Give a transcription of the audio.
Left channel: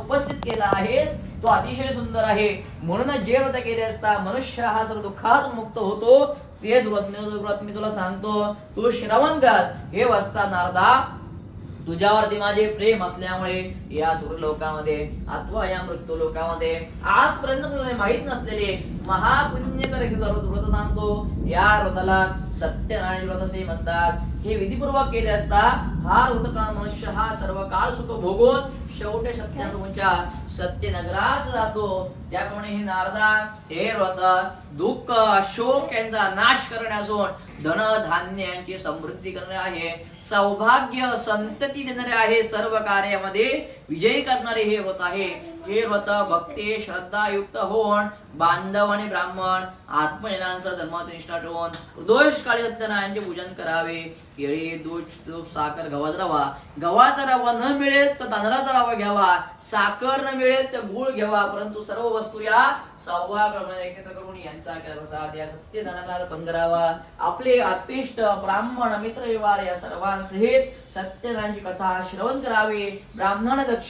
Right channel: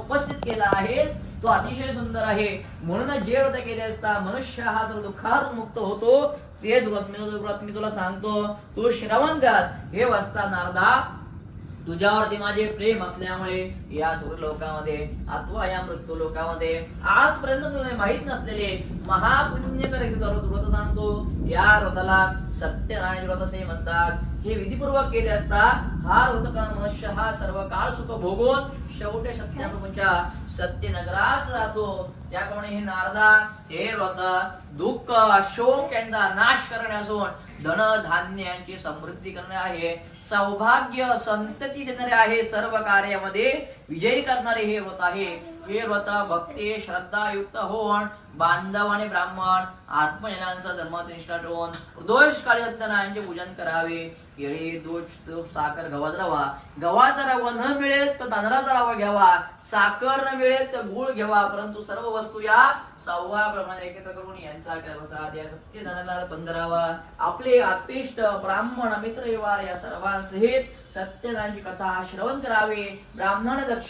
उपस्थित केला आहेस तो अतिशय सुंदर आहे. म्हणून जे व्रत केले असता मनुष्य हा सर्व दुःखात मुक्त होतो. तेच व्रत मी व्रत मी तुला सांगतो. तू श्रवण कर. हे वाचता नारदा तुझ्यावरती माझे प्रेम असल्यामुळे या सूर्यलोकामध्ये अथवा या मृत्यू लोकामध्ये आजपर्यंत तुला माहीत नसलेले महापुण्यकर व्रत सांगतो. या व्रताला सत्यनारायण व्रत असे म्हणतात. हे विधीपूर्वक केले असता हार होत का मनुष्य हा सर्व काळ सुख भोगून शेवटे सत्याप्रभूंच्या सत्य नगरास जातो त्याप्रमाणे हे नारदा हे व्रत दुःख शोक यांचा नाश करणे असून धन धान्य यांची समृद्धी करणे आहे सौभाग्य संतती देणारे आहे सर्व कार्यामध्ये विजयी करणारे हे व्रत आहे. हे व्रत भक्ती श्रद्धा युक्त होऊन बांधव आणि ब्राह्मण आत्मजनांचा धर्मनिष्ठा ठेवून दोष काळी सत्यनारायणचे पूजन करावे. केळी दूध तूप साखर गव्हाचा रवा. गव्हाचा रवा न मिळेल तर तांदळाचा रवा घ्यावा. साखर न मिळेल वेळेत गुळ घ्यावा परंतु सर्व वस्तू या सहाव्या प्रमाणे एकत्र करून यांचा प्रसाद या सत्य धनाला पंधरावा. आपले आत्मिष्ट ब्राह्मण मित्र या सर्वांसहित सत्यनारायणची कथा श्रवण करावे. ब्राह्मण दक्ष